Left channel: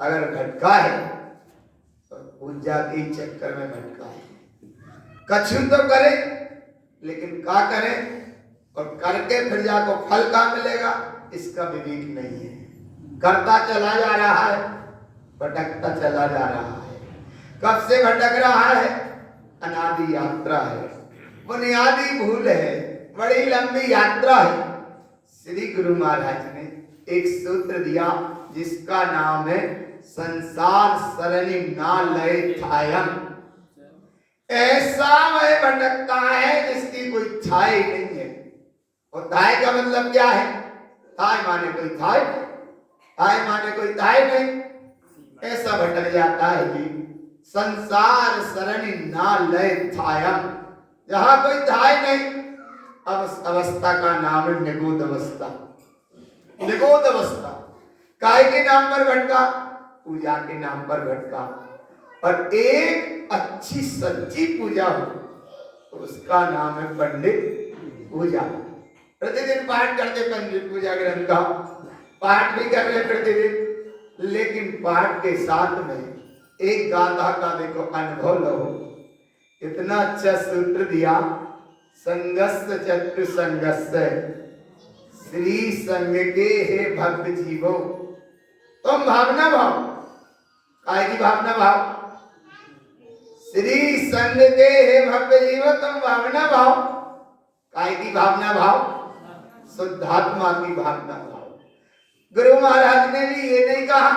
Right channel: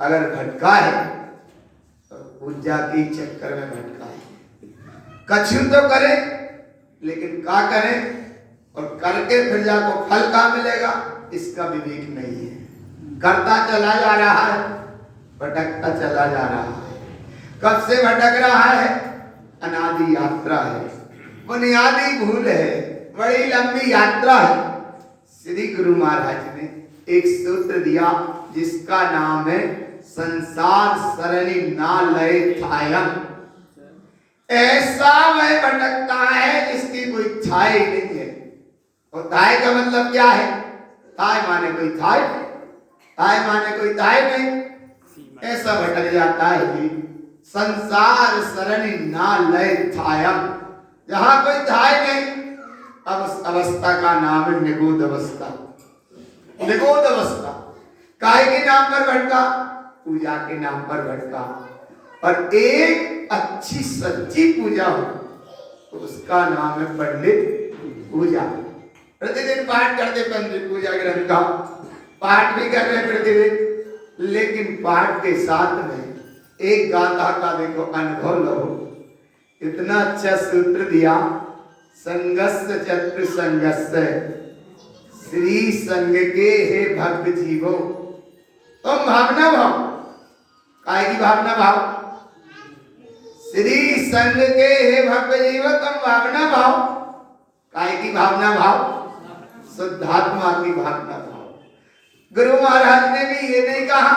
अगर भटका है तो पूजा के चक्कर में भटका है। कछु तो करे लेकिन का करे और करके फिर जाको फल का मिलेगा इसका विवेक नहीं है। करता चला जा रहा है, भटकता चला जा रहा है। कब से भटक रहा है? अनादि यात्रा है, बुनियादी भूल है, बड़ी लंबी यात्रा है। श्री गुरु महाराज ने एक सूत्र दिया जिसका नाम है संसार सरणी ना लय थायम। ऐसा वह भटकता है जिसकी कोई थाय नहीं है। और थाय का मतलब क्या है? थाय माने कोई थाय, थाय माने कोई थाय नहीं। ऐसा भटक जाता है कि संसार सरणी ना लय थायम, जहां कोई थाय नहीं। अब उस अवस्था का नाम है निगोद अवस्था। निगोद अवस्था काय के नाम पर भटका? पूजा के नाम पर भटका। और एक अच्छी सच्ची पूजा हो तो उसका नाम है पंडित पूजा। प्रतिदिन पाठ करते पंडित पूजा ग्रंथ का, पाठ भी कर रहे प्रतिदिन, लेकिन पाठ के साथ में एक गाथा का देखो अनुभव लो। इतना अच्छा सूत्र दिया, संगस्य चक्र संगस्य श्री संग के हे भक्त जीवो। तुम भावना भाव, काय की भावना भाव? श्री संग के हे भक्त जीवो तुम भावना भाव। काय की भावना भाव? शुद्धात्मा की भावना भाव। गुरु महाराज ने भी ये नहीं कहा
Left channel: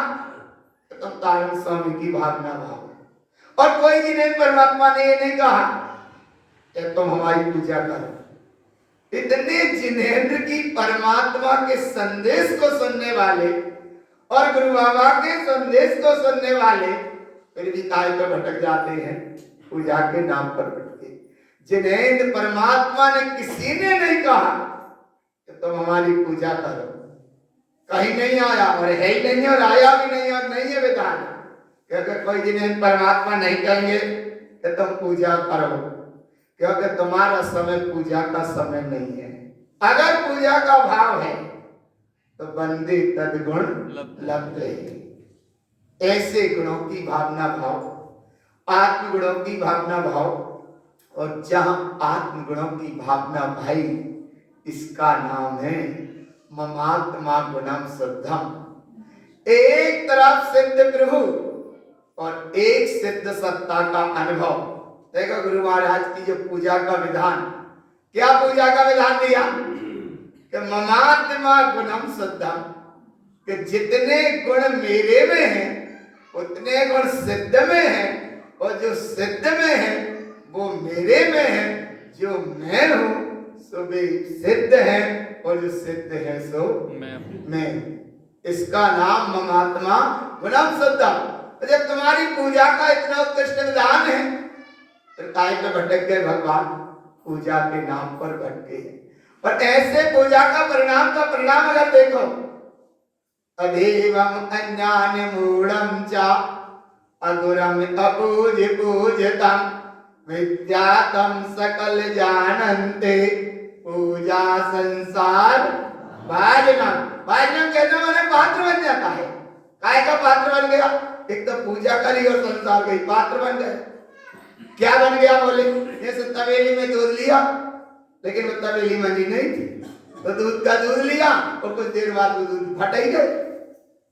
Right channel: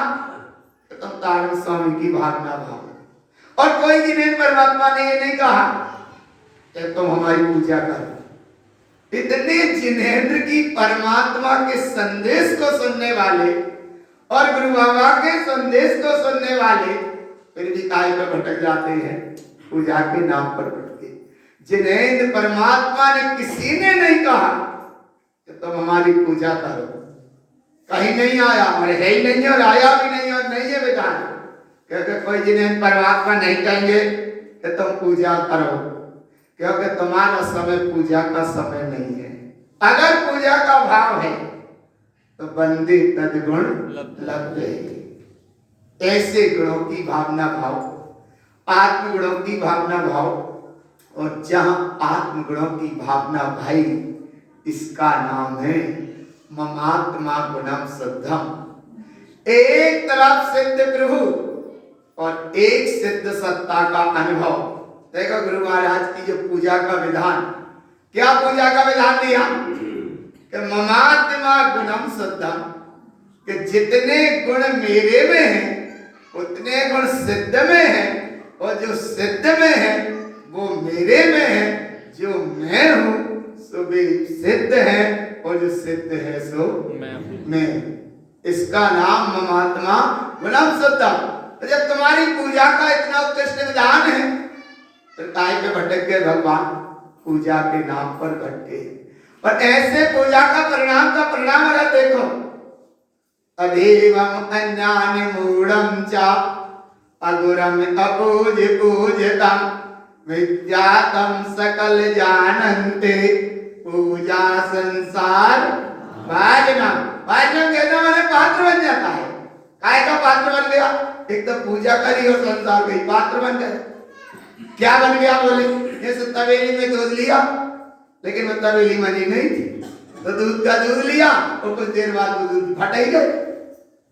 कि तुम तारण स्वामी की भावना भाव। और कोई जिनेन्द्र परमात्मा ने ये नहीं कहा कि तुम हमारी पूजा करो। इतने जिनेन्द्र की परमात्मा के संदेश को सुनने वाले और गुरु बाबा के संदेश को सुनने वाले फिर भी काय पे भटक जाते हैं? पूजा के नाम पर भटके। जिनेन्द्र परमात्मा ने किसी ने नहीं कहा कि तुम हमारी पूजा करो। कहीं नहीं आया और है ही नहीं और आया भी नहीं और नहीं है विधान, क्योंकि कोई जिनेन्द्र परमात्मा नहीं कहेंगे कि तुम पूजा करो, क्योंकि तुम्हारा समय पूजा का समय नहीं है। अगर पूजा का भाव है तो बंदे तदगुण लग गए। ऐसे गुणों की भावना भाव, आत्म गुणों की भावना भाव। और जहां आत्म गुणों की भावना भाई, इसका नाम है ममात्मा गुणम शुद्धम। एक तरफ सिद्ध प्रभु और एक सिद्ध सत्ता का अनुभव। देखो गुरु महाराज की जो पूजा का विधान, क्या पूजा का विधान दिया कि ममात्मा गुणम शुद्धम, कि जितने गुण मेरे में हैं उतने गुण सिद्ध में हैं, और जो सिद्ध में है वो मेरे में है। जो मैं हूं सो भी सिद्ध है और जो सिद्ध है सो मैं। इसका नाम ममात्मा गुणम शुद्धम। तो जब तुम्हारी पूजा का इतना उत्कृष्ट विधान है तो काय पे भटक गए भगवान? पूजा के नाम पर भटके। और ऐसे पूजा का परिणाम अगर देखो, अधेवम अज्ञान मूढ़म च अगुरम अपूज पूजतम विद्यातम सकल जानन्ते पूजा संसार भाजनम। भाजनम कहना माने पात्र बन जाता है। काय का पात्र बन गया? एक तो पूजा करी और संसार का पात्र बन गए। क्या बन गया? बोले जैसे तवेली में दूध लिया, लेकिन वो तवेली मनी नहीं थी, तो दूध का दूध लिया और कुछ देर बाद वो दूध फट ही गए।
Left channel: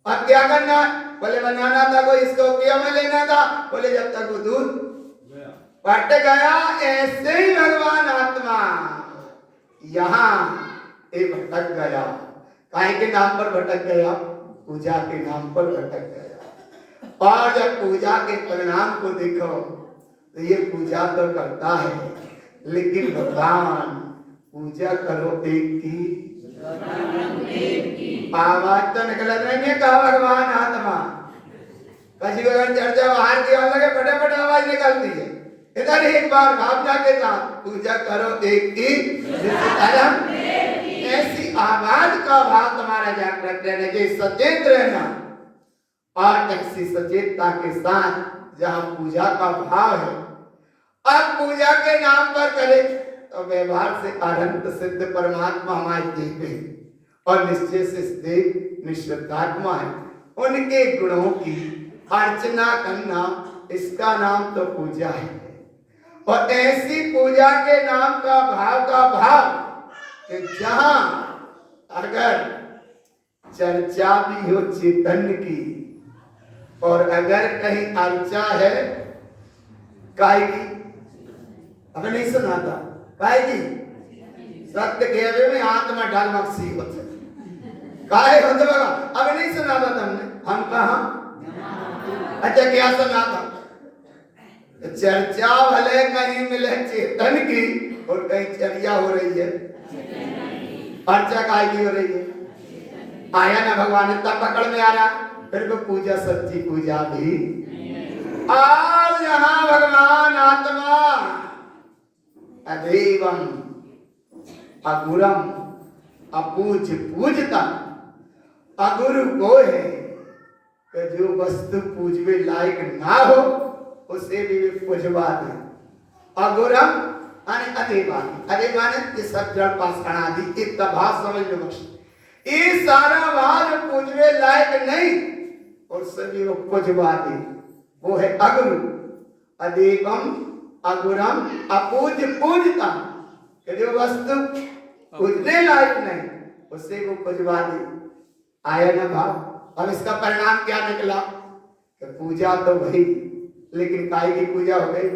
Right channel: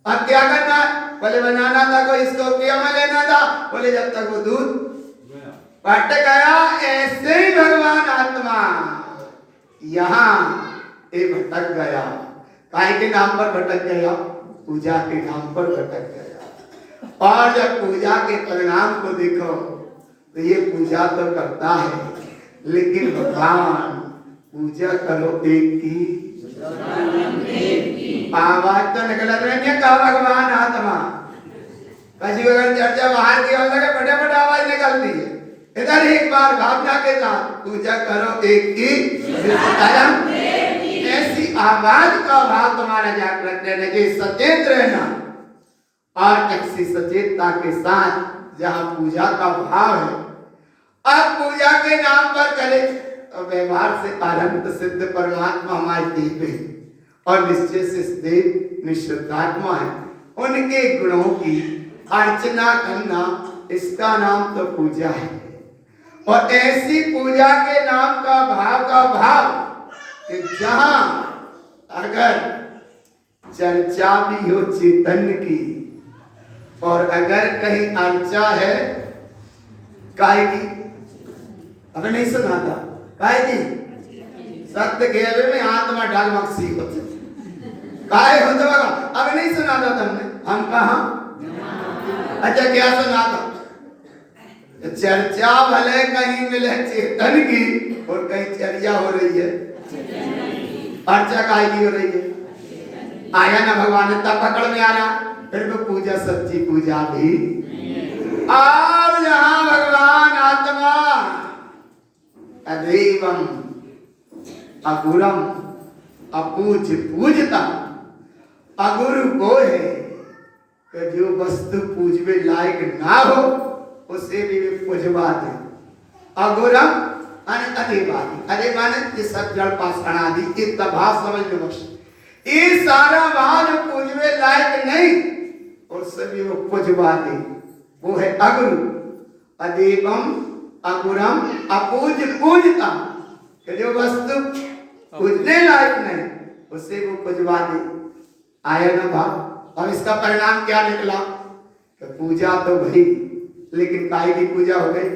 अब क्या करना है? बोले बनाना था कोई, इसको पिया में लेना था। बोले जब तक वो दूध फट गया। ऐसे ही भगवान आत्मा यहाँ भटक गया। काय के नाम पर भटक गया? पूजा के नाम पर भटक गया। और जब पूजा के परिणाम को देखो तो ये पूजा तो करता है, लेकिन भगवान पूजा करो एक की, आवाज तो निकल रही है का भगवान आत्मा। कभी अगर चर्चा बाहर की ओर लगे फटाफट आवाज निकलती है। इधर एक बार भावना के साथ पूजा करो एक की, ऐसी आवाज का भाव तुम्हारा जागृत रहने के सचेत रहना। और ऐसी सचेतता के साथ जहां पूजा का भाव है, अब पूजा के नाम पर करे तो व्यवहार से अनंत सिद्ध परमात्मा हमारे देव है और निश्चय से देव निश्चितात्मा है। उनके गुणों की अर्चना करना, इसका नाम तो पूजा है। और ऐसी पूजा के नाम का भाव कि जहां अगर चर्चा भी हो चेतन की, और अगर कहीं अर्चा है काहे की, अगर नहीं सुना था काहे की, सत्य घेवे में आत्मा ढाल मक्सी होते काहे होते बगा, अभी नहीं सुना था तुमने, हम कहा अच्छा क्या सुना था? चर्चा भले कहीं मिले चेतन की और कहीं चर्चा हो रही है, अर्चा काहे की हो रही है? आया ना भगवान, तब पकड़ में आ रहा, फिर वो पूजा सच्ची पूजा भी। और यहाँ भगवान आत्मा अदेवम अगुरम अपूज पूजता, अगुरु वो है कि जो वस्तु पूजवे लायक ना हो उसे भी पूजवा दे। अगुरम अने अदेवादी, अदेवाने ये सब जड़ पाषाण आदि इतना भाव समझ लो बस। ये सारा भाव पूजवे लायक नहीं और सभी वो पूजवा दे, वो है अगुरु। अदेवम अगुरम अपूज पूजता, जो वस्तु पूजने लायक नहीं उसे वो पूजवा दे। आया ना भाव। अब इसका परिणाम क्या निकला कि पूजा तो भई, लेकिन काय की पूजा हो गई?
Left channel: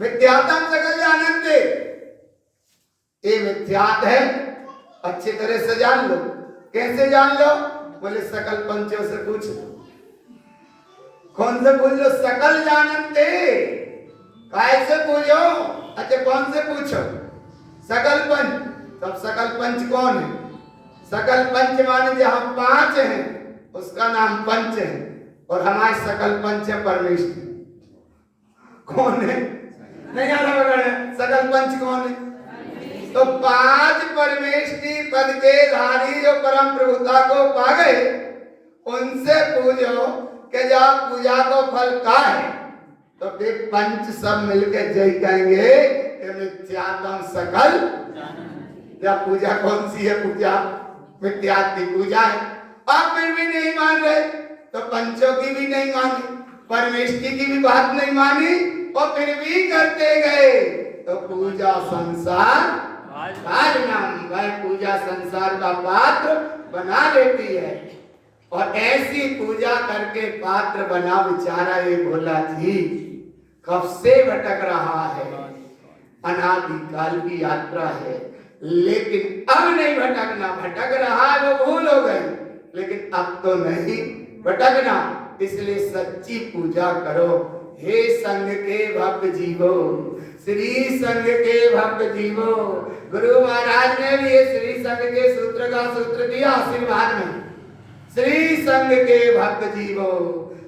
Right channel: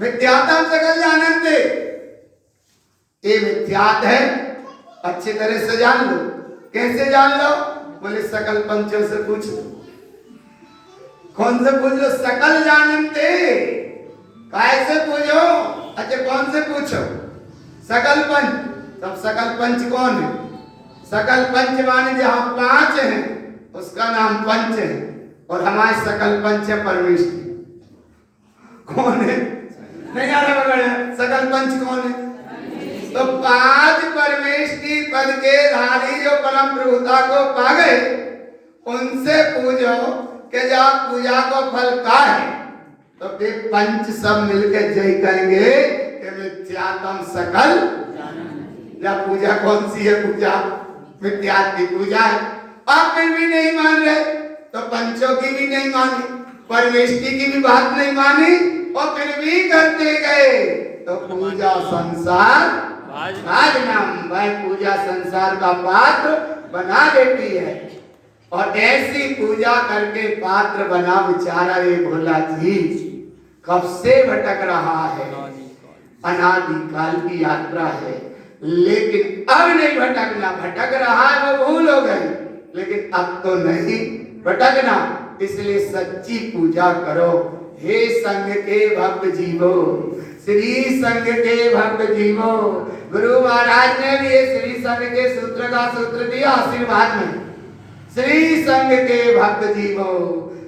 मिथ्यात्म सकल जानन्ते, ये मिथ्यात है, अच्छी तरह से जान लो। कैसे जान लो? बोले सकल पंचों से पूछो। कौन से पूछो? सकल जानन्ते, काय से पूछो? अच्छा कौन से पूछो? सकल पंच। तब सकल पंच कौन है? सकल पंच माने जहां पांच हैं उसका नाम पंच है, और हमारे सकल पंच है परमेश्वर। कौन है? नहीं जाना पड़ेगा। सकल पंच कौन है? तो पांच परमेष्टि पद के धारी जो परम प्रभुता को पा गए, उनसे पूछो कि जब पूजा को फल का है, तो फिर पंच सब मिलकर जय करेंगे कि मिथ्यात्म सकल। या पूजा कौन सी है? पूजा मिथ्यात्व की पूजा है। आप फिर भी नहीं मान रहे तो पंचों की भी नहीं मानी, परमेष्टि की भी बात नहीं मानी, और फिर भी करते गए तो पूजा संसार राजनाम, वह पूजा संसार का पात्र बना देती है। और ऐसी पूजा करके पात्र बना बेचारा ये भोला जी कब से भटक रहा है, अनादिकाल की यात्रा है, लेकिन अब नहीं भटकना। भटक रहा है वो भूल हो गई, लेकिन अब तो नहीं भटकना। इसलिए सच्ची पूजा करो। हे संघ के भक्त जीवो, श्री संघ के भक्त जीवो। गुरु महाराज ने भी श्री संघ के सूत्र का सूत्र दिया आशीर्वाद में। श्री संघ के भक्त जीवो,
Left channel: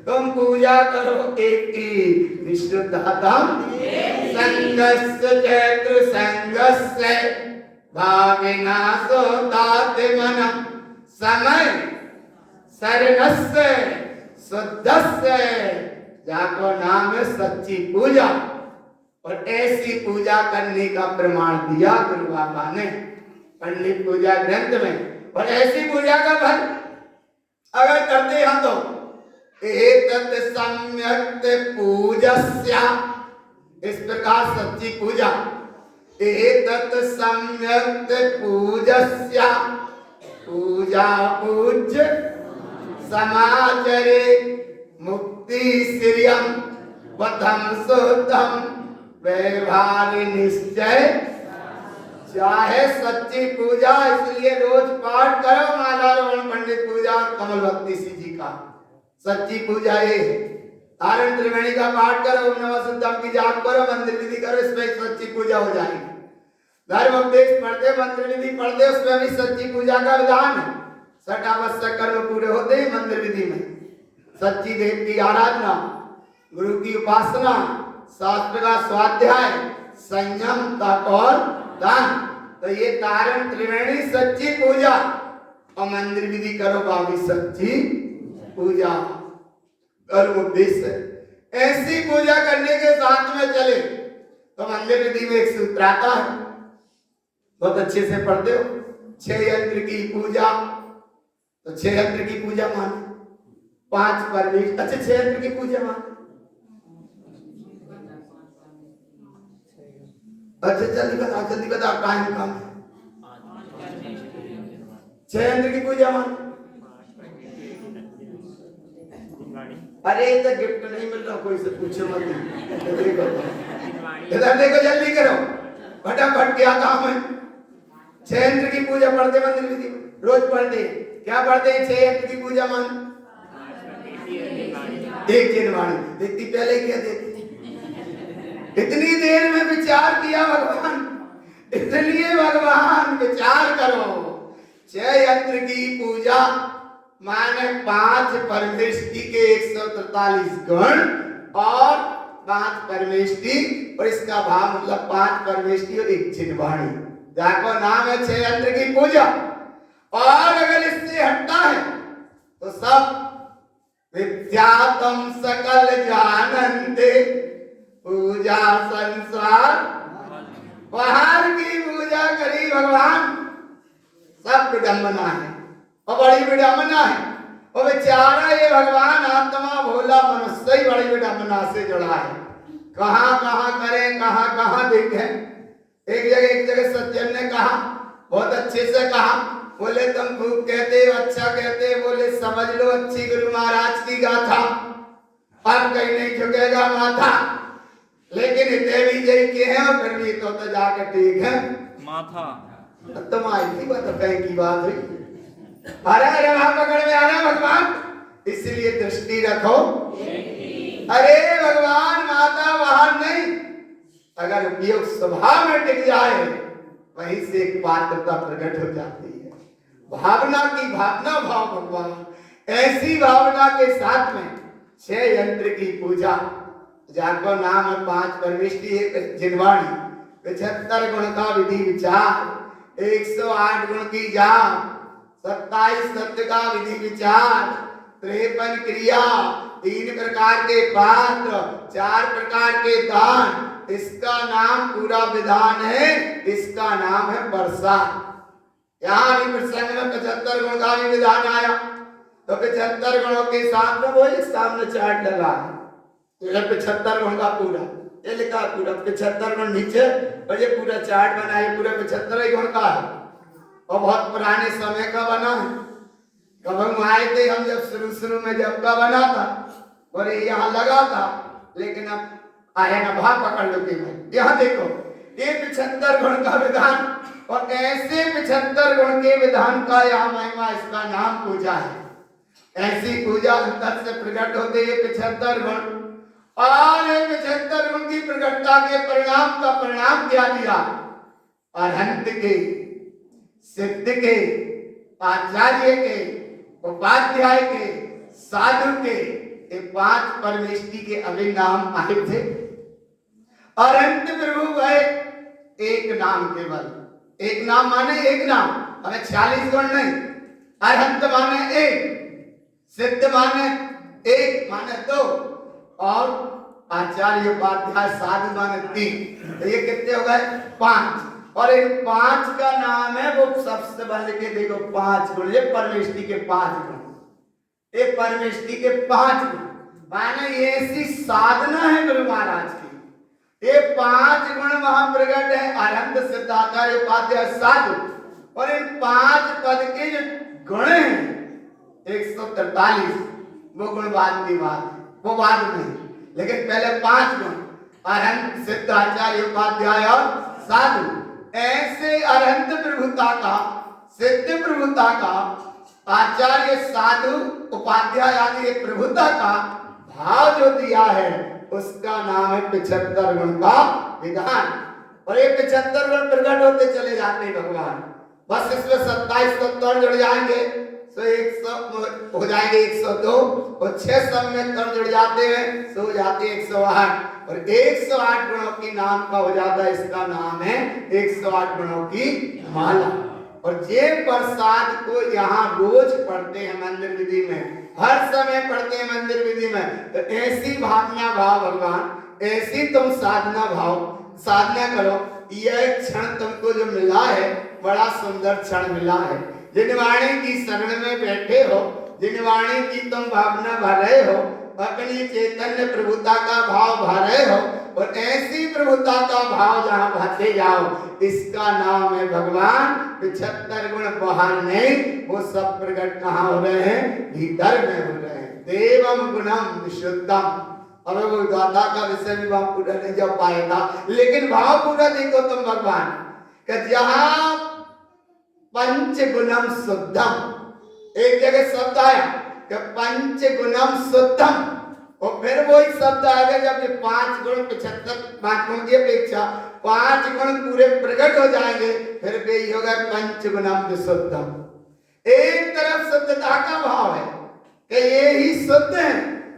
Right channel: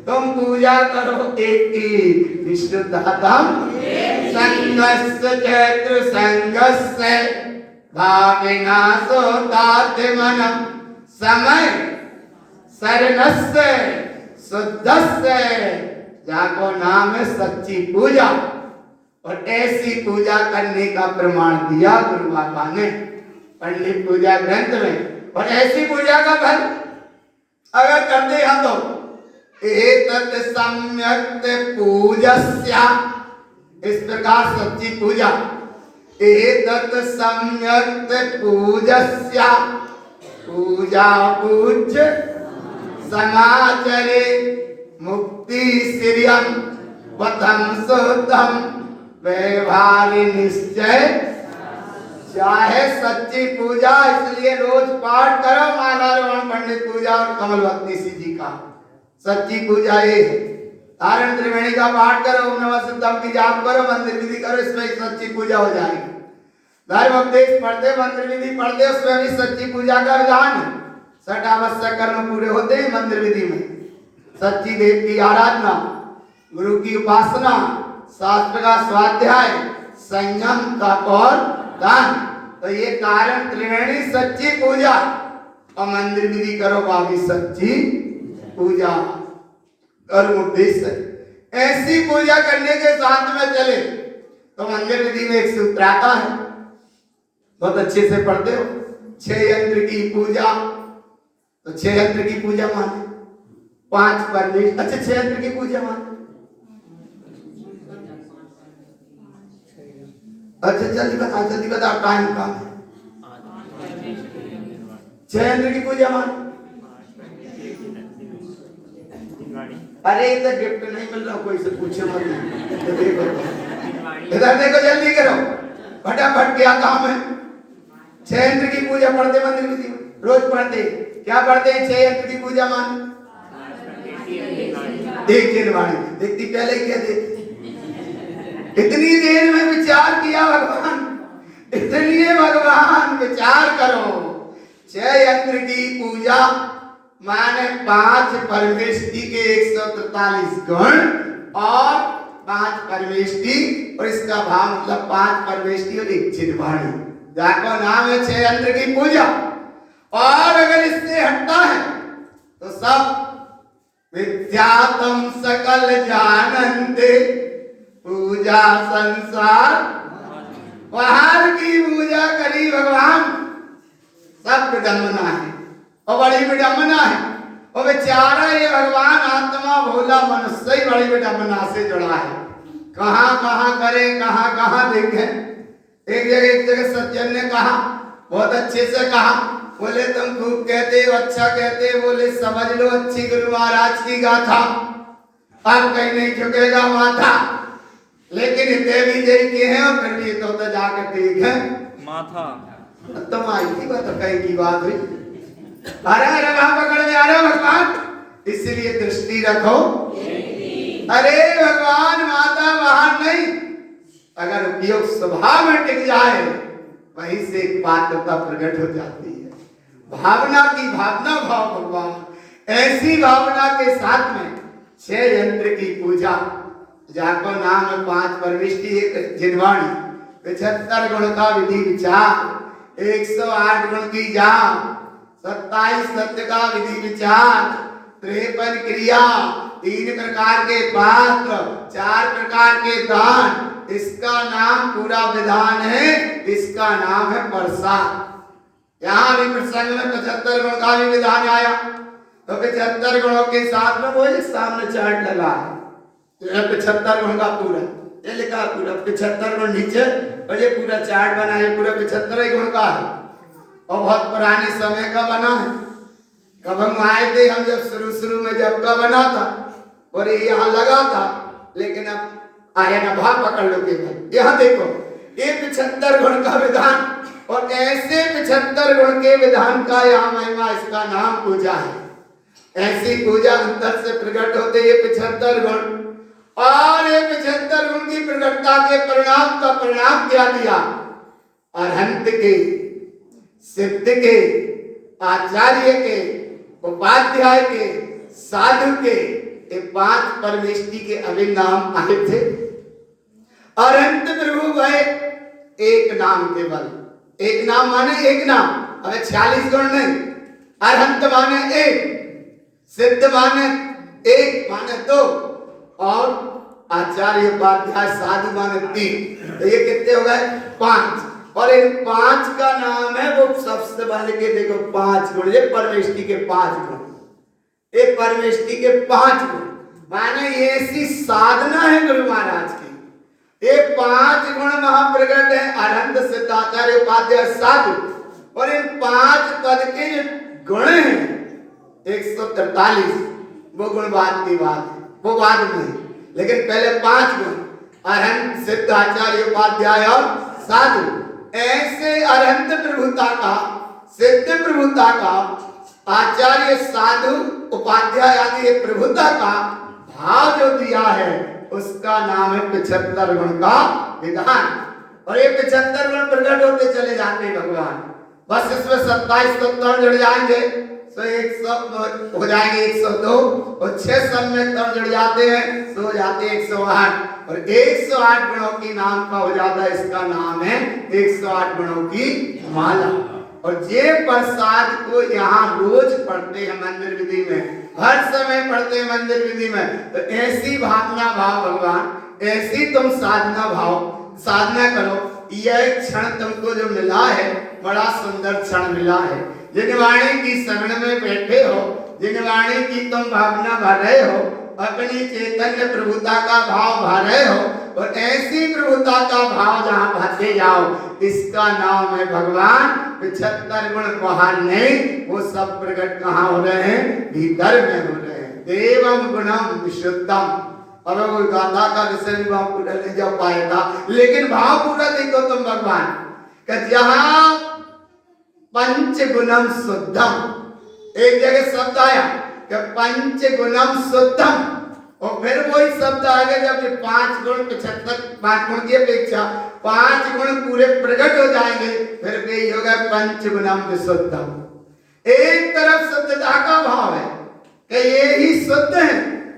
तुम पूजा करो एक की विशुद्धतम संगस्य चैत्र संगस्य भाविनाशो तात्मनम समय शरणस्य शुद्धस्य, जाको नाम है सच्ची पूजा। और ऐसी पूजा करने का प्रमाण दिया गुरु बाबा ने पंडित पूजा ग्रंथ में। और ऐसी पूजा का फल अगर करते हैं तो एतत् सम्यक् पूजस्या, इस प्रकार सच्ची पूजा। एतत् सम्यक् पूजस्या, पूजा पूज्य समाचरे मुक्ति श्रियम वतम शुद्धम व्यवहारि निश्चय। चाहे सच्ची पूजा, इसलिए रोज पाठ करो माला रमण पंडित पूजा और कमलवती जी का। सच्ची पूजा ये है। तारण त्रिवेणी का पाठ करो, ओम नमः शिवाय की जाप करो, मंत्र विधि करो, इसमें सच्ची पूजा हो जाएगी। धर्म उपदेश पढ़ते, मंत्र विधि पढ़ते, उसमें भी सच्ची पूजा का विधान है। सठ आवश्यक कर्म पूरे होते हैं मंत्र विधि में। सच्ची देव की आराधना, गुरु की उपासना, शास्त्र का स्वाध्याय, संयम, तप और दान। तो ये कारण त्रिवेणी सच्ची पूजा। और मंदिर विधि करो बाबी सच्ची पूजा। कर्म उपदेश ऐसी पूजा करने के साथ में चले तो मंदिर विधि में एक सूत्र आता है, बहुत अच्छे से पढ़ते हो। 6 यंत्र की पूजा, तो 6 यंत्र की पूजा माने पांच परमेश्वर। अच्छा 6 यंत्र की पूजा मान। अच्छा जल्दी बता टाइम कम है। 6 यंत्र की पूजा मान। अरे इधर गिफ्ट नहीं मिल रहा, कोई से पूछे मत। देखो इधर देखो, जल्दी करो फटाफट, क्या काम है। 6 यंत्र की पूजा पढ़ते मंदिर विधि में, रोज पढ़ते। क्या पढ़ते हैं 6 यंत्र की पूजा मान? एक जिनवाणी। देखती पहले क्या देती, इतनी देर में विचार किया भगवान, इसलिए भगवान विचार करो। 6 यंत्र की पूजा माने 5 परमेष्टि के 143 गुण और 5 परमेष्टि, और इसका भाव मतलब 5 परमेष्टि और एक जिनवाणी, जाको नाम है 6 यंत्र की पूजा। और अगर इससे हटता है तो सब विद्यातम सकल जानन्ते पूजा संसार, बाहर की पूजा करी भगवान, सब विडंबना है और बड़ी विडंबना है। और बेचारा ये भगवान आत्मा भोला मनुष्य ही बड़ी विडंबना से जुड़ा है। कहाँ कहाँ करें, कहाँ कहाँ देखें। एक जगह सज्जन ने कहा, बहुत अच्छे से कहा, बोले तुम खूब कहते हो, अच्छा कहते हो, बोले समझ लो अच्छी गुरु महाराज की गाथा, अब कहीं नहीं झुकेगा माथा। लेकिन इतने भी जय के हैं और फिर भी तो जाकर ठीक है माथा। तुम आई की बात कहीं की बात हुई। अरे वहां पकड़ में आ रहे भगवान, इसलिए दृष्टि रखो। अरे भगवान माता वहां नहीं, अगर उपयोग स्वभाव में टिक जाए वहीं से एक पात्रता प्रकट हो जाती है। भावना की भावना भाव भगवान, ऐसी भावना के साथ में 6 यंत्र की पूजा, जाको नाम है 5 परमेष्टि जिनवाणी, 75 गुण का विधि विचार, 108 गुण की जाप, 27 सत्य का विधि विचार, 53 क्रिया, 3 प्रकार के पात्र, 4 प्रकार के दान, इसका नाम पूरा विधान है, इसका नाम है प्रसाद। यहाँ भी प्रसंग में 75 गुण का भी विधान आया, तो 75 गुणों के साथ में वो एक सामने चार्ट लगा है, 75 गुण का पूरा ये लिखा, पूरा 75 गुण नीचे, और ये पूरा चार्ट बना है, पूरा 75 गुण का है और बहुत पुराने समय का बना है। कब हम आए थे, हम जब शुरू में जब का बना था और ये यहाँ लगा था, लेकिन अब आया ना भाव पकड़ लो केवल। यहाँ देखो ये 75 गुण का विधान, और ऐसे 75 गुण के विधान का यहाँ महिमा, इसका नाम पूजा है। ऐसी पूजा अंतर से प्रकट होते ये 75 गुण, और ये 75 गुण की प्रकटता के परिणाम का परिणाम क्या दिया? अरहंत के, सिद्ध के, आचार्य के, उपाध्याय के, साधु के, ये 5 परमेष्टि के अभी नाम आए थे। अरहंत प्रभु भय एक नाम केवल, एक नाम माने एक नाम, अबे 46 गुण नहीं। अरहंत माने एक, सिद्ध माने एक माने 2, और आचार्य उपाध्याय साधु माने 3, तो ये कितने हो गए? 5। और इन 5 का नाम है, वो सबसे पहले के देखो 5 गुण, ये परमेष्टि के 5 गुण, ये परमेष्टि के 5 गुण माने ये ऐसी साधना है गुरु महाराज की। ये 5 गुण महाप्रगट है, अरहंत, सिद्ध, आचार्य, उपाध्याय, साधु, और इन 5 पद के जो गुण हैं 143, वो गुण बाद की बात है, वो बाद में, लेकिन पहले 5 गुण, अरहंत, सिद्ध, आचार्य, उपाध्याय और साधु। ऐसे अरहंत प्रभुता का, सिद्ध प्रभुता का, आचार्य, साधु, उपाध्याय आदि प्रभुता का भाव जो दिया है, उसका नाम है 75 गुण का विधान। और ये 75 गुण प्रकट होते चले जाते हैं भगवान, बस इसमें 27 तत्व जुड़ जाएंगे तो 100 हो जाएंगे, 102, और 6 सम्यक तत्व जुड़ जाते हैं तो हो जाते हैं 108, और 108 गुणों की नाम का हो जाता है, इसका नाम है 108 गुणों की माला। और ये प्रसाद को यहाँ रोज पढ़ते हैं मंदिर विधि में, हर समय पढ़ते हैं मंदिर विधि में। तो ऐसी भावना भाव भगवान, ऐसी तुम साधना भाव, साधना करो। यह क्षण तुमको जो मिला है, बड़ा सुंदर क्षण मिला है। जिनवाणी की शरण में बैठे हो, जिन वाणी की तुम भावना भर रहे हो, अपनी चैतन्य प्रभुता का भाव भर रहे हो, और ऐसी प्रभुता का भाव जहां भरते जाओ, इसका नाम है भगवान। 75 गुण बाहर नहीं, वो सब प्रकट कहाँ हो रहे हैं? भीतर में हो रहे हैं। देवम गुणम विशुद्धम। और वो गाथा का विषय भी भाव पूरा नहीं जा पाएगा, लेकिन भाव पूरा देखो तुम भगवान कि जहां पंच गुणम शुद्धम, एक जगह शब्द आया कि पंच गुणम शुद्धम, और फिर वही शब्द आगे जब ये 5 गुण 75 5 गुण की अपेक्षा 5 गुण पूरे प्रकट हो जाएंगे, फिर भी होगा पंच गुणम विशुद्धम। एक तरफ शुद्धता का भाव है कि ये ही शुद्ध है,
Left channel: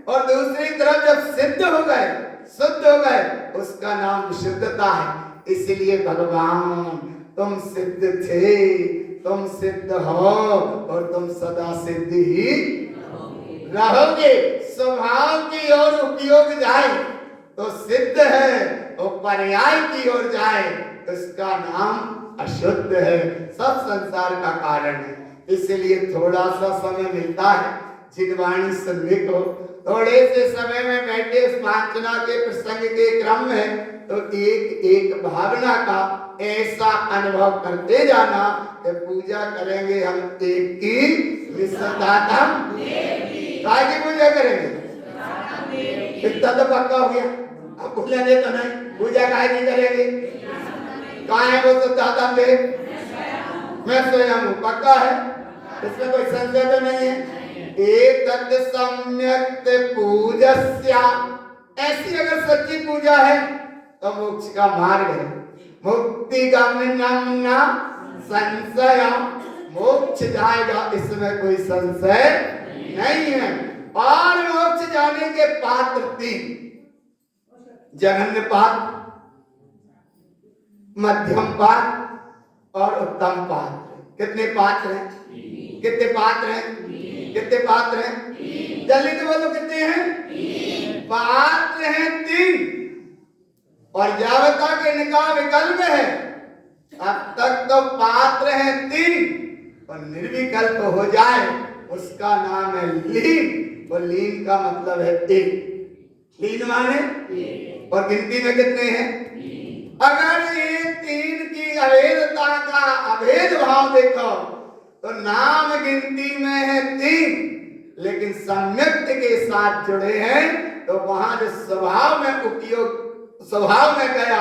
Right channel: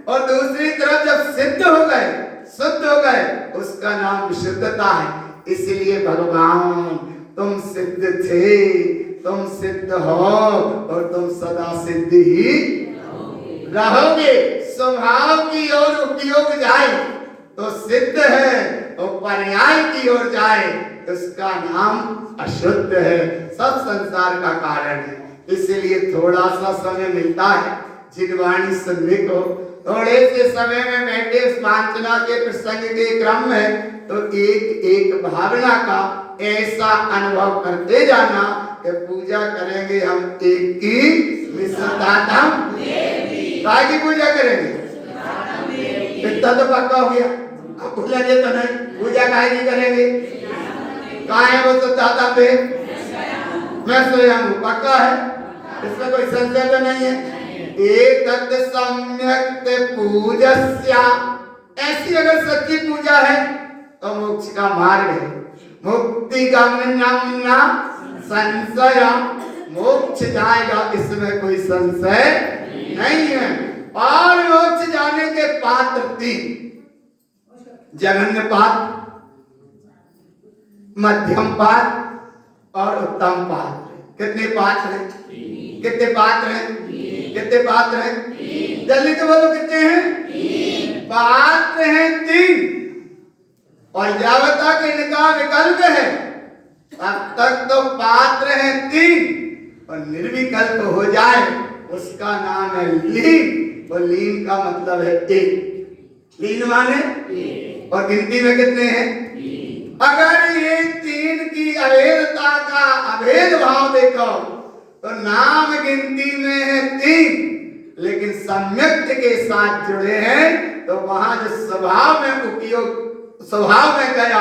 और दूसरी तरफ जब सिद्ध हो गए, उसका नाम विशुद्धता है। इसलिए भगवान तुम सिद्ध थे, तुम सिद्ध हो, और तुम सदा सिद्ध ही रहोगे। स्वभाव की ओर उपयोग जाए तो सिद्ध है, और पर्याय की ओर जाए उसका नाम अशुद्ध है, सब संसार का कारण है। इसलिए थोड़ा सा समय मिलता है जिनवाणी सुनने को, थोड़े से समय में बैठे वांचना के प्रसंग के क्रम में, तो एक एक भावना का ऐसा अनुभव करते जाना कि पूजा करेंगे हम एक की विश्वदातम काय की पूजा करेंगे, इतना तो पक्का हो गया। अब भूलेंगे तो नहीं, पूजा काय की करेंगे? काय है वो शुद्धातम देव? मैं स्वयं हूँ, पक्का है, इसमें कोई संशय तो नहीं है। एतत् सम्यक् पूजस्या, ऐसी अगर सच्ची पूजा है तो मोक्ष का मार्ग है, मुक्ति गमनम संशय, मोक्ष जाएगा, इसमें कोई संशय नहीं है। और मोक्ष जाने के पात्र 3, जघन्य पात्र, मध्यम पात्र और उत्तम पात्र। कितने पात्र हैं? कितने पात्र हैं? कितने पात्र हैं? जल्दी तो बोलो, कितने हैं? पात्र हैं 3, और जावता के निकाह विकल्प है, अब तक तो पात्र हैं 3, और निर्विकल्प हो जाए उसका नाम है लीन। और लीन का मतलब है 1। लीन माने, और गिनती में कितने हैं? अगर ये 3 की अभेदता का अभेद भाव देखो तो नाम गिनती में है 3, लेकिन सम्यक्त के साथ जुड़े हैं, तो वहां जो स्वभाव में उपयोग, स्वभाव में गया,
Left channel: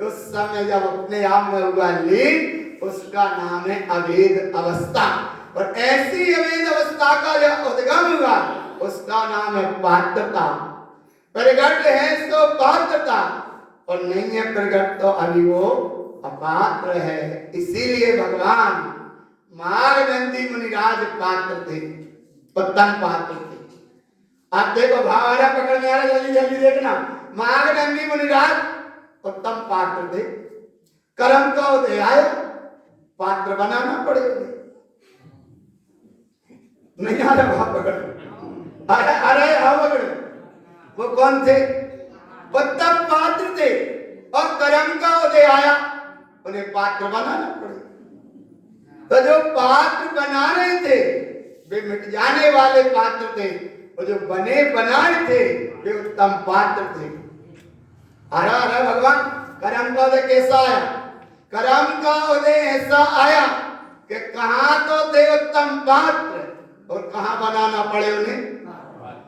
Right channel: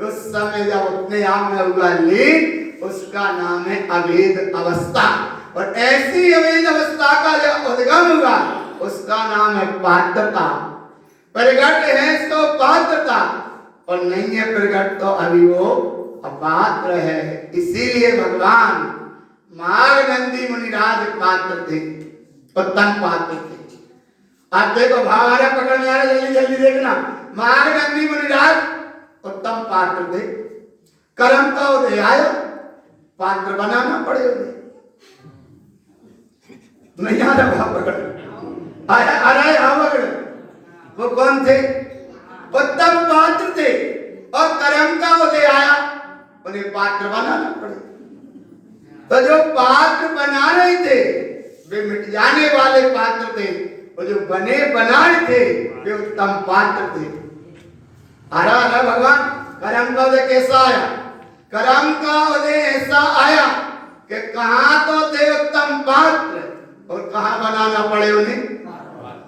उस समय जब अपने आप में हुआ लीन, उसका नाम है अभेद अवस्था। और ऐसी अभेद अवस्था का जो उद्गम हुआ, उसका नाम है पात्रता। प्रगट है तो पात्रता, और नहीं है प्रगट तो अभी वो अपात्र है। इसीलिए भगवान मार्गनंदी मुनिराज पात्र थे, उत्तम पात्र थे। आप देखो, भाव आ रहा, पकड़ में आ रहा, जल्दी जल्दी देखना। मार्गनंदी मुनिराज उत्तम पात्र थे, कर्म का उदय आया, पात्र बनाना पड़े। नहीं आ रहा भाव, पकड़ आ रहा है, हाँ पकड़। वो कौन थे? उत्तम पात्र थे, और कर्म का उदय आया, उन्हें पात्र बनाना पड़े। तो जो पात्र बना रहे थे वे मिट जाने वाले पात्र थे, और जो बने बनाए थे वे उत्तम पात्र थे। अरे भगवान, कर्म का उदय कैसा आया? कर्म का उदय ऐसा आया कि कहां तो थे उत्तम पात्र, और कहां बनाना पड़े उन्हें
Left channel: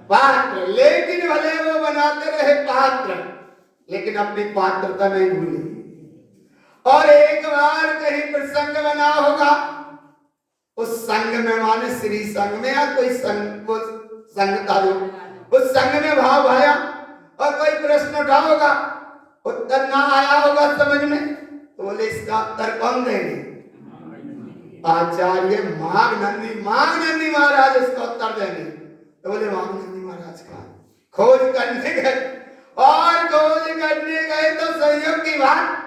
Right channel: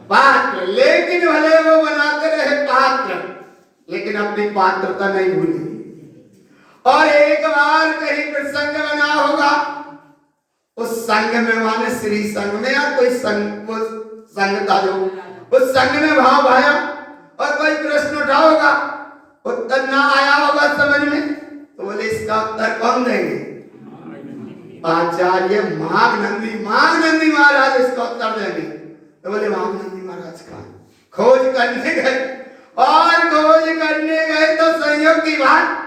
पात्र। लेकिन भले वो बनाते रहे पात्र, लेकिन अपनी पात्रता नहीं भूली। और एक बार कहीं प्रसंग बना होगा, उस संघ में, माने श्री संघ में या कोई संघ, वो संघ था जो, उस संघ में भाव आया, और कोई प्रश्न उठा होगा, उत्तर ना आया होगा समझ में, तो बोले इसका उत्तर कौन देंगे? आचार्य माघनंदी महाराज इसका उत्तर देंगे। तो बोले माघनंदी महाराज का खोज करने गए, और खोज करने गए तो संयोग की बात,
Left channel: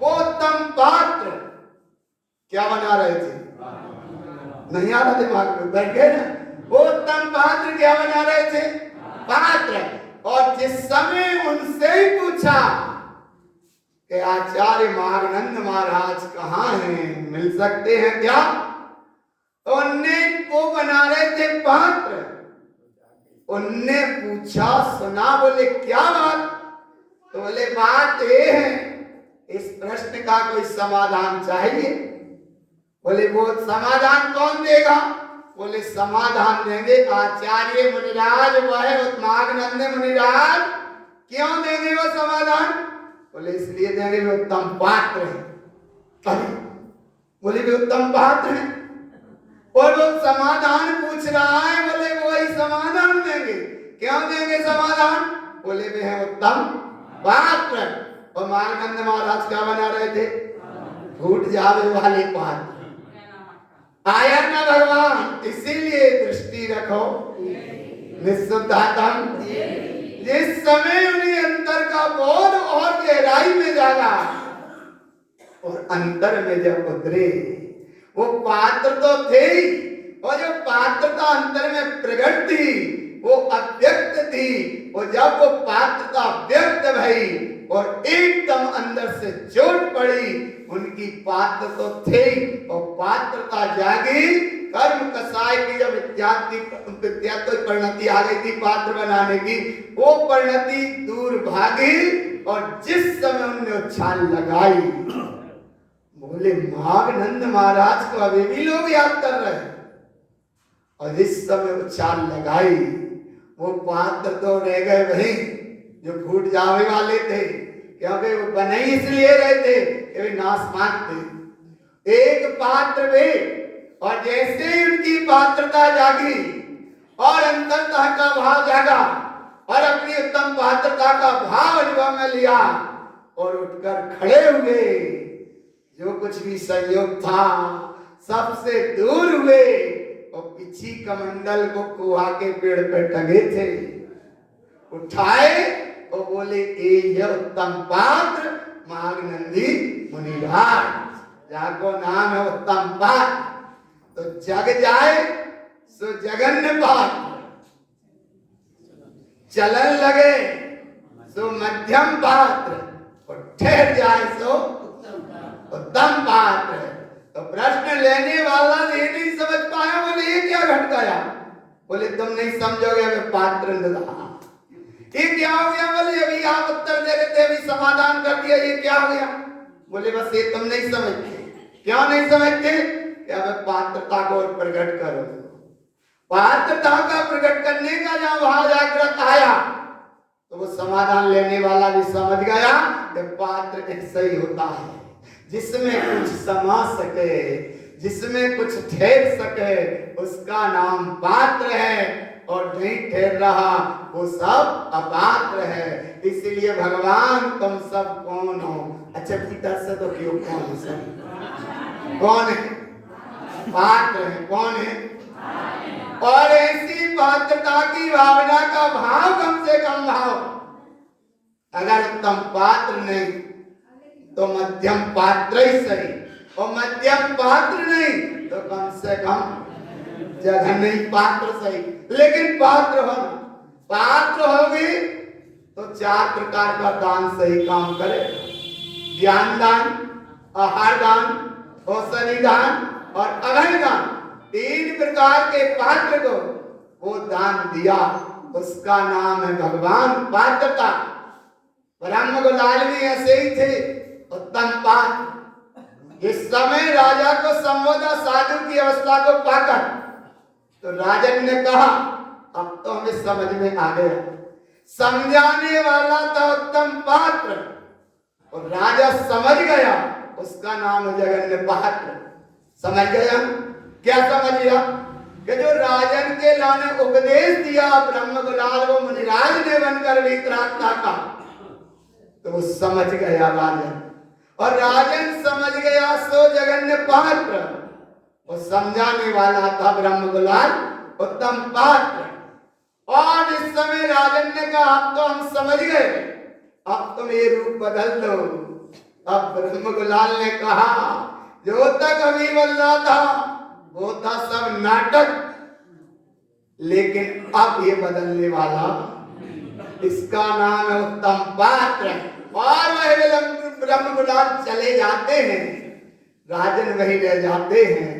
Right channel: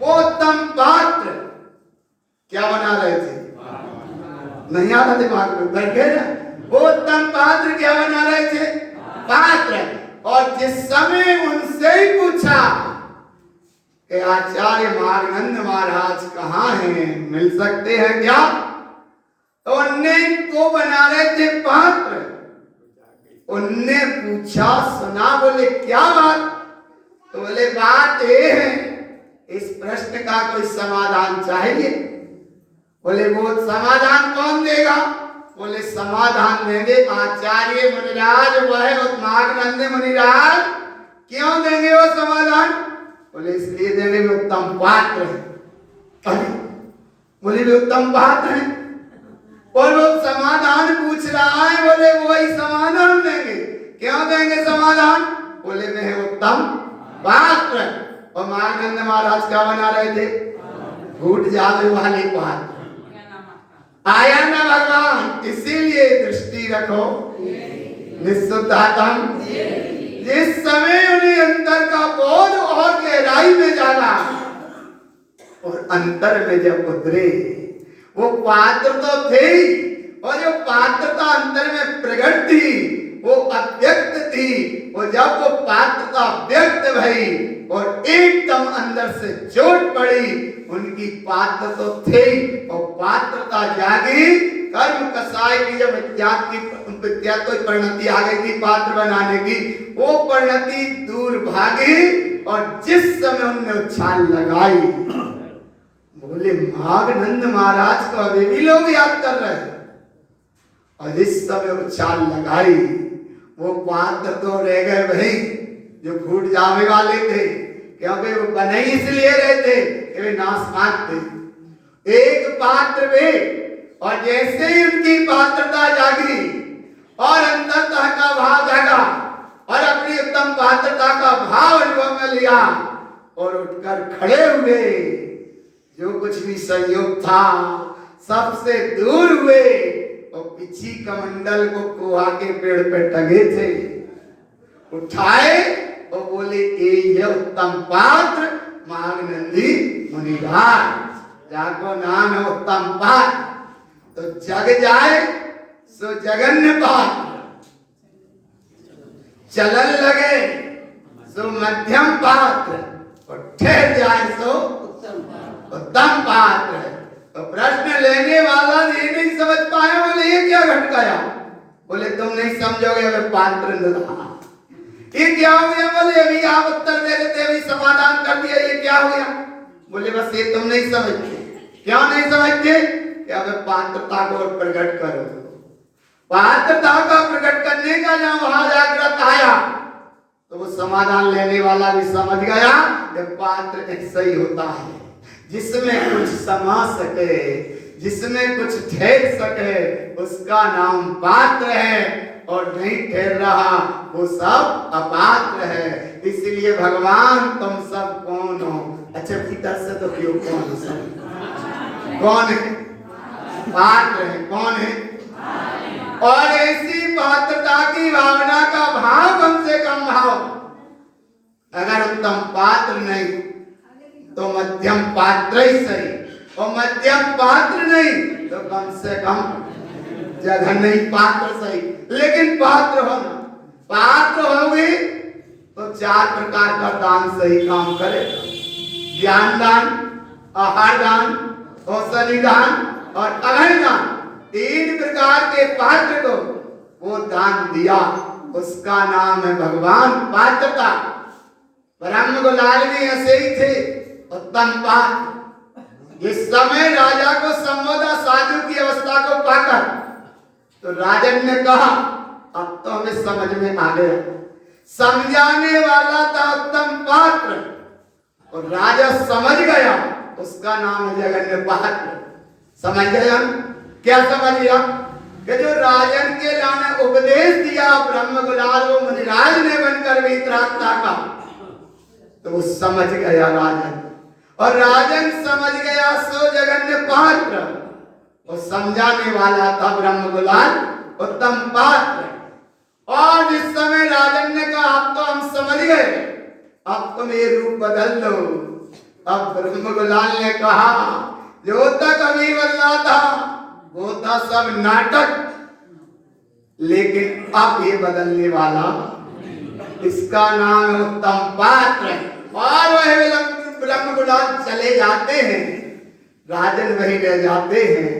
वो उत्तम पात्र क्या बना रहे थे? नहीं आ रहा दिमाग में, बैठ गए ना। वो उत्तम पात्र क्या बना रहे थे? पात्र। और जिस समय उनसे ही पूछा कि आचार्य मार्गनंद महाराज कहाँ हैं, मिल सकते हैं क्या? तो उनने वो बना रहे थे पात्र। उनने पूछा, सुना, बोले क्या बात? तो बोले बात ये है, इस प्रश्न का कोई समाधान चाहिए। बोले वो समाधान कौन देगा? बोले समाधान देंगे आचार्य मुनिराज, वह माघनंद मुनिराज। क्यों देंगे वो समाधान? बोले इसलिए देंगे वे उत्तम पात्र है। बोले वे उत्तम पात्र है और वो समाधान पूछ रहा है, बोले वही समाधान देंगे। क्यों देंगे समाधान? बोले वे है उत्तम पात्र। और माघनंद महाराज क्या बना रहे थे? फूट जावे वाले पात्र। आया ना भगवान, इसीलिए दृष्टि रखो निस्सुद्धातम। जिस समय उन्हें अंतर का बोध और गहराई में जागा और अंतर में जब उतरे, वो पात्र तो थे और जो पात्रता अंतर में प्रकट थी वो अव्यक्त थी। और जब वो पात्रता व्यक्त भई और एकदम अंदर से चोट पड़ी, उनकी पात्र तो थे और पात्रता जागी। कर्म कसाय की जब विद्यात कोई परिणति आ गई थी पात्र बनाने की, वो परिणति दूर भागी। और जिस समय उनने उछाल लगाई, बोले माघनंद महाराज को अभी भी लोग याद कर रहे हैं। और जिस समय उछाल लगाई, वो पात्र तो रह गए वही जो फूट जाने वाले थे, क्योंकि वो बने इसलिए रहे थे कि वे नाशवान थे। एक पात्र वे, और जैसे ही उनकी पात्रता जागी और अंतरतः का भाव जागा और अपनी उत्तम पात्रता का भाव अनुभव में लिया और उठकर खड़े हुए, जो कुछ भी संयोग था सबसे दूर हुए और पिछी कमंडल को कुआ के पेड़ पे टंगे थे, उठाए और बोले ये उत्तम पात्र माघनंदी मुनिराज, जाको नाम है उत्तम पात्र। तो जग जाए सो जगन्य पात्र, चलन लगे सो मध्यम पात्र और ठहर जाए सो उत्तम पात्र। तो प्रश्न लेने वाला ये नहीं समझ पाया, बोले ये क्या घट गया? बोले तुम नहीं समझोगे, मैं पात्र नहीं। ये क्या हो गया? बोले अभी आप उत्तर दे रहे थे, अभी समाधान कर दिया, ये क्या हो गया? बोले बस ये तुम नहीं समझते। क्यों नहीं समझते? क्या मैं पात्रता को प्रकट करो। पात्रता का प्रकट करने का जब वहां जागृत आया तो वो समाधान लेने वाला भी समझ गया कि पात्र ऐसा ही होता है, जिसमें कुछ समा सके, जिसमें कुछ ठहर सके, उसका नाम पात्र है। और नहीं ठहर रहा वो सब अपात्र है। इसलिए भगवान तुम सब कौन हो? अच्छा भीतर से तो क्यों कौन है? सब कौन है? पात्र है। कौन है? और ऐसी पात्रता की भावना का भाव कम से कम भाव, अगर उत्तम पात्र नहीं तो मध्यम पात्र ही सही, और मध्यम पात्र नहीं तो कम से कम जगह नहीं पात्र सही। लेकिन पात्र होना, पात्र होगी तो 4 प्रकार का दान सही काम करे। ज्ञान दान, आहार दान, औषधि दान और अभय दान, 3 प्रकार के पात्र को वो दान दिया, उसका नाम है भगवान पात्रता। ब्रह्म गुलाल भी ऐसे ही थे, उत्तम पात्र। इस समय राजा को संबोधा साधु की अवस्था को पाकर, तो राजन ने कहा अब तो हमें समझ में आ गया, समझाने वाला था उत्तम पात्र और राजा समझ गया, उसका नाम है जगन्य पात्र। समझ गया? क्या समझ गया? कि जो राजन के लाने उपदेश दिया ब्रह्म गुलाल वो मुनिराज ने बनकर वितरागता का, तो वो समझ गया राजन, और राजन समझ गया सो जगन्य पात्र, और समझाने वाला था ब्रह्म गुलाल उत्तम पात्र। और जिस समय राजन ने कहा अब तो हम समझ गए, अब तुम ये रूप बदल लो, अब ब्रह्म गुलाल ने कहा जो तक अभी बदला था वो था सब नाटक, लेकिन अब ये बदलने वाला, इसका नाम है उत्तम पात्र। और वह ब्रह्म गुलाल चले जाते हैं, राजन वही रह जाते हैं।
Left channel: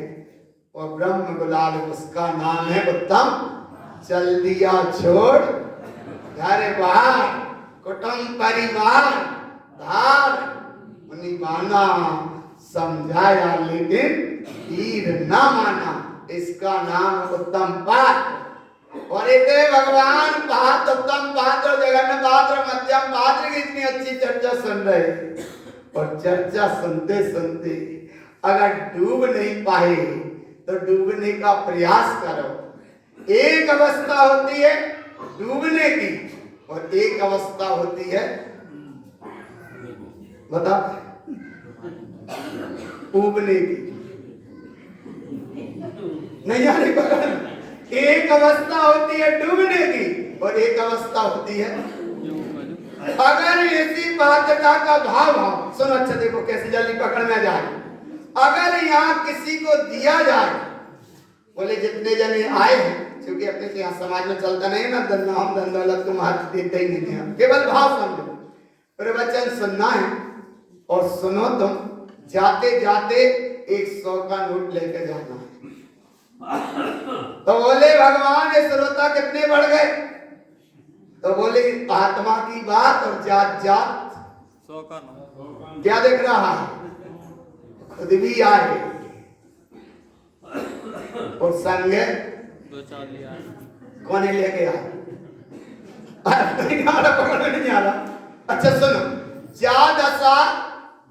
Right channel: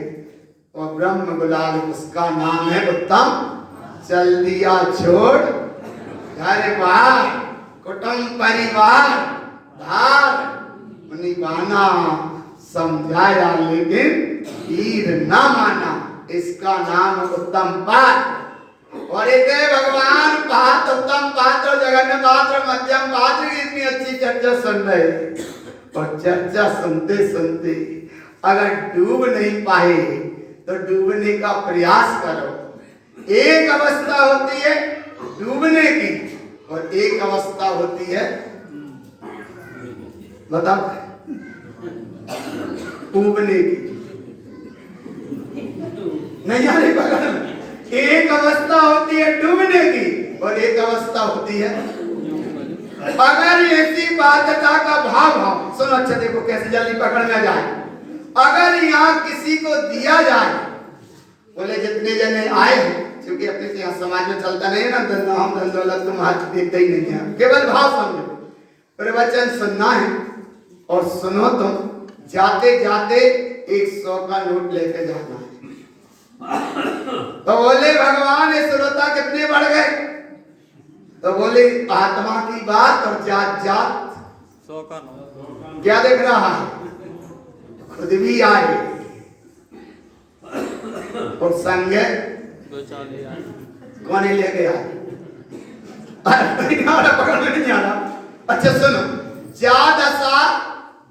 और ब्रह्म गुलाल उसका नाम है उत्तम। चल दिया छोड़ घर बार कुटुंब परिवार धार, निभाना समझाया लेकिन हीर न माना, इसका नाम उत्तम पात्र। और इतने भगवान पात्र, उत्तम पात्र, जगन्नाथ पात्र, मध्यम पात्र की इतनी अच्छी चर्चा सुन रहे, और चर्चा सुनते सुनते अगर डूब नहीं पाए तो डूबने का प्रयास करो। एक अवस्था होती है डूबने की और एक अवस्था होती है बताओ डूबने की। नहीं यानी पकड़, एक अवस्था होती है डूबने की और एक अवस्था होती है, अगर ऐसी बाध्यता का भाव हो, सुनो अच्छा देखो कैसे जल्दी पकड़ में जाए। अगर यहाँ किसी को दिया जाए, बोले जितने जने आए हैं, क्योंकि अपने से यहाँ समाज में चलता नहीं है ना धन दौलत तुम हाथ देखते ही नहीं है, केवल भाव समझो। प्रवचन सुनना है और सुनो तुम जाते जाते 100 का नोट लेके जाना है। तो बोले भगवान ये श्रोता कितने बढ़ गए? तो बोले आत्मा की बात और जात जात 100 का नोट क्या दिख रहा है? खुद भी आए और संग दो चार ले आए, कौन ही लेके आए? पकड़ में नहीं आ रहा। अच्छा सुनो, जा दशा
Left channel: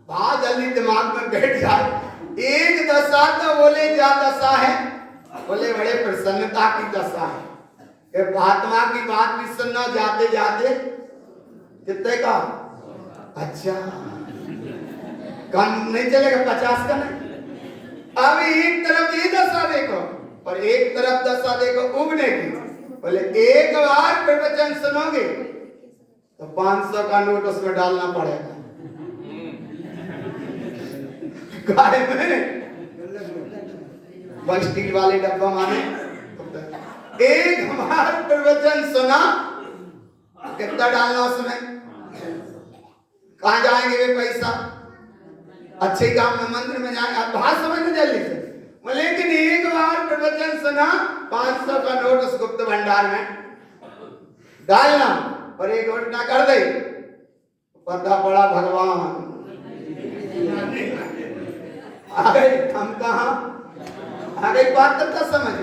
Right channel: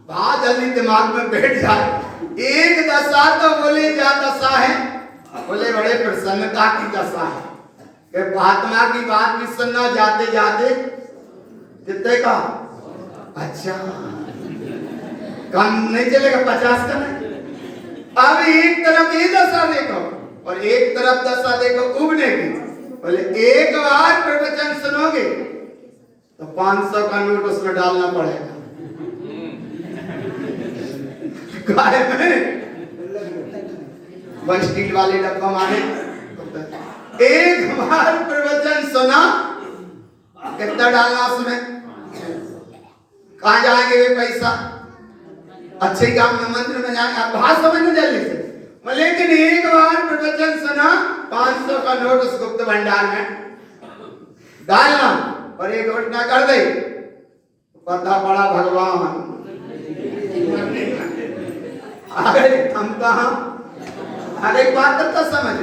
बात जल्दी दिमाग में बैठ जाए। एक दशा तो बोले जा दशा है, बोले बड़े प्रसन्नता की दशा है कि आत्मा की बात भी सुनना जाते जाते कितने का? अच्छा कम नहीं चलेगा, 50 का नहीं। अब एक तरफ ये दशा देखो और एक तरफ दशा देखो उबने की। बोले एक बार प्रवचन सुनोगे तो 500 का नोट उसमें डालना पड़ेगा। गाय में वन स्टील वाले डब्बा मारे, एक बार प्रवचन सुना कितना डालना उसमें? कहाँ जाएंगे वे पैसा? अच्छे काम में मंदिर में जाएंगे, आप बात समझने जल्दी से। लेकिन एक बार प्रवचन सुना 500 का नोट उस गुप्त भंडार में डालना और एक घटना कर दे, पता पड़ा भगवान अरे हम कहा। अरे बात तो समझ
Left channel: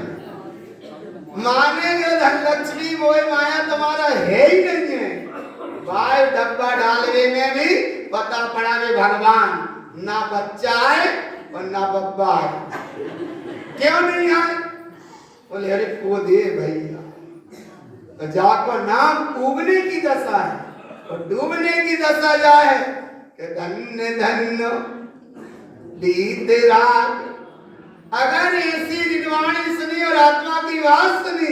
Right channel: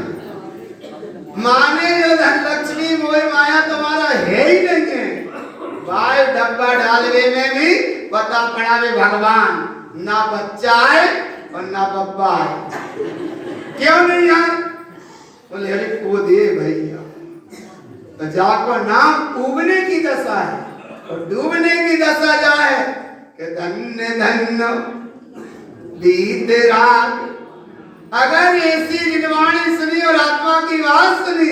माने जो धन लक्ष्मी मोह माया तुम्हारा है ही नहीं है, भाई डब्बा डालवे में भी पता पड़ा वे भगवान ना बच्चा है और ना बब्बा है। क्यों नहीं आए? बोले अरे को दे भैया, तो जाको नाम उबने की दशा है और डूबने की दशा जाए कि धन्य धन्य बीत रात। अगर ऐसी निर्वाणी सुनी और आत्मा की बात सुनी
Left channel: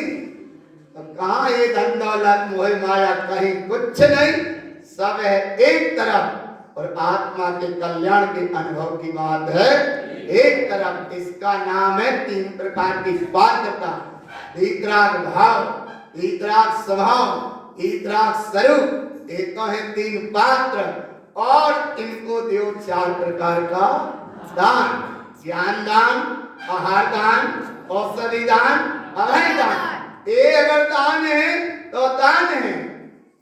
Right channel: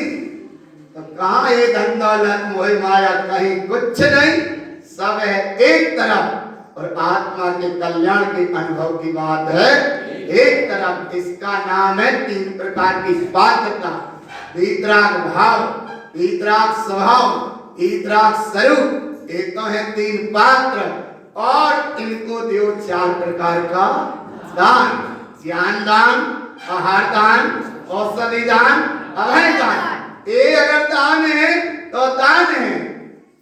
तो कहाँ ये धन दौलत मोह माया, कहीं कुछ नहीं, सब है एक तरफ और आत्मा के कल्याण के अनुभव की बात है एक तरफ। इसका नाम है 3 प्रकार की पात्रता, वीतराग भाव, वीतराग स्वभाव, वीतराग स्वरूप। एक तो है 3 पात्र और इनको देव 4 प्रकार का दान, ज्ञान दान, आहार दान, औषधि दान, अभय दान। ये अगर दान है तो दान है,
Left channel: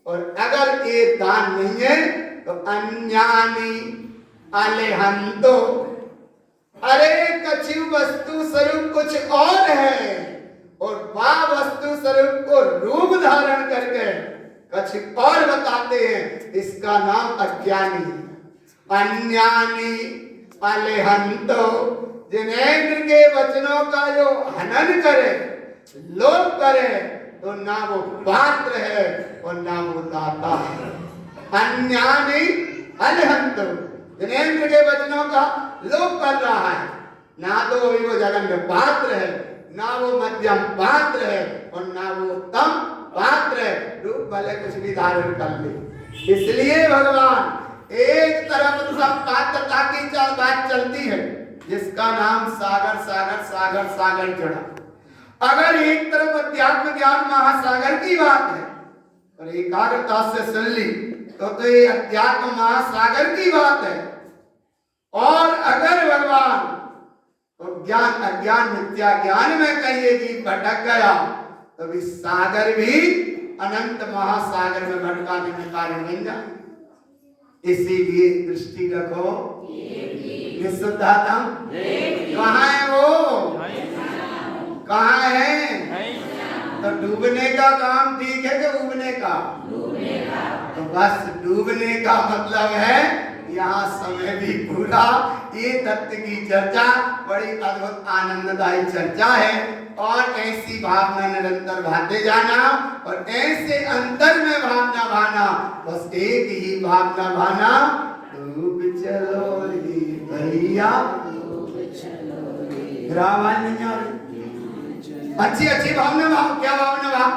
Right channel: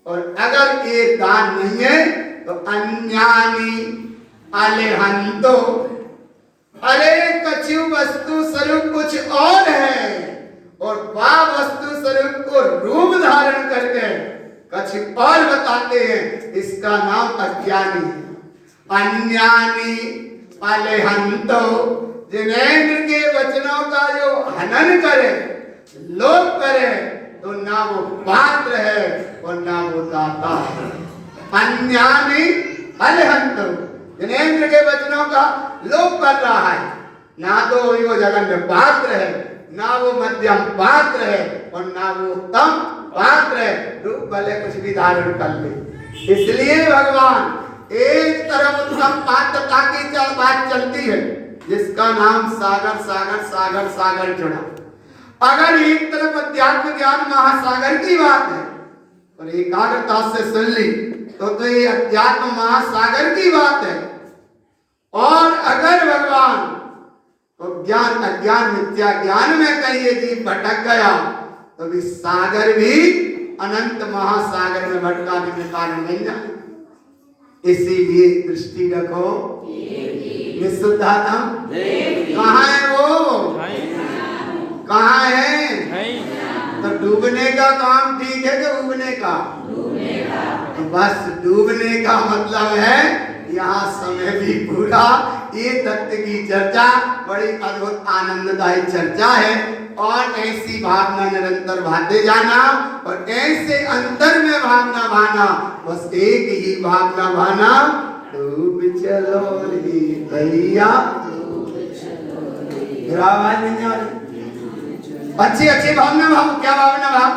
और अगर ये दान नहीं है तो अन्यानी अलेहंतो, अरे कछु वस्तु स्वरूप कुछ और है और वह वस्तु स्वरूप को रूप धारण करके कुछ और बताते हैं, इसका नाम अज्ञानी है। अन्यानी अलेहंतो, जिनेंद्र के वचनों का जो हनन करे, लोप करे, तो ना वो पात्र है और ना वो दाता है। अन्यानी अलेहंतो, जिनेंद्र के वचनों का लोप कर रहा है, ना तो वो जगन्य पात्र है, ना वो मध्यम पात्र है और ना वो उत्तम पात्र है। रूप भले कुछ भी धारण कर ले। इसलिए भगवान एक तरफ उत्तम पात्रता की बात चलती है जिसका नाम सागर सागर सागर सागर जुड़ा। अगर एक तरफ अध्यात्म ज्ञान महासागर की बात है और एकाग्रता से सुन ली तो ये अध्यात्म महासागर की बात है। और अगर भगवान और ज्ञान अज्ञान मिथ्या ज्ञान में कहिए कि भटक गया तो भी सागर भी अनंत महासागर में भटकाने के कारण बन जाए। इसीलिए दृष्टि रखो निशुद्धात्म कहाँ है वो, कहाँ है? तो डूबने का काम ठीक है कि उबने का? तो बस डूबने का मतलब है यहाँ समय भी पूरा। ये तत्व की चर्चा बड़ी अद्भुत आनंददायी चर्चा है और ऐसी भावना निरंतर भाते जाना और ऐसे अंतर में भावना भाना, बस एक ही भावना भाना, डूब चलो रे भैया। मेरा आवाज नहीं आ रही? अच्छी अच्छी भावना भाव, क्या भावना भाव?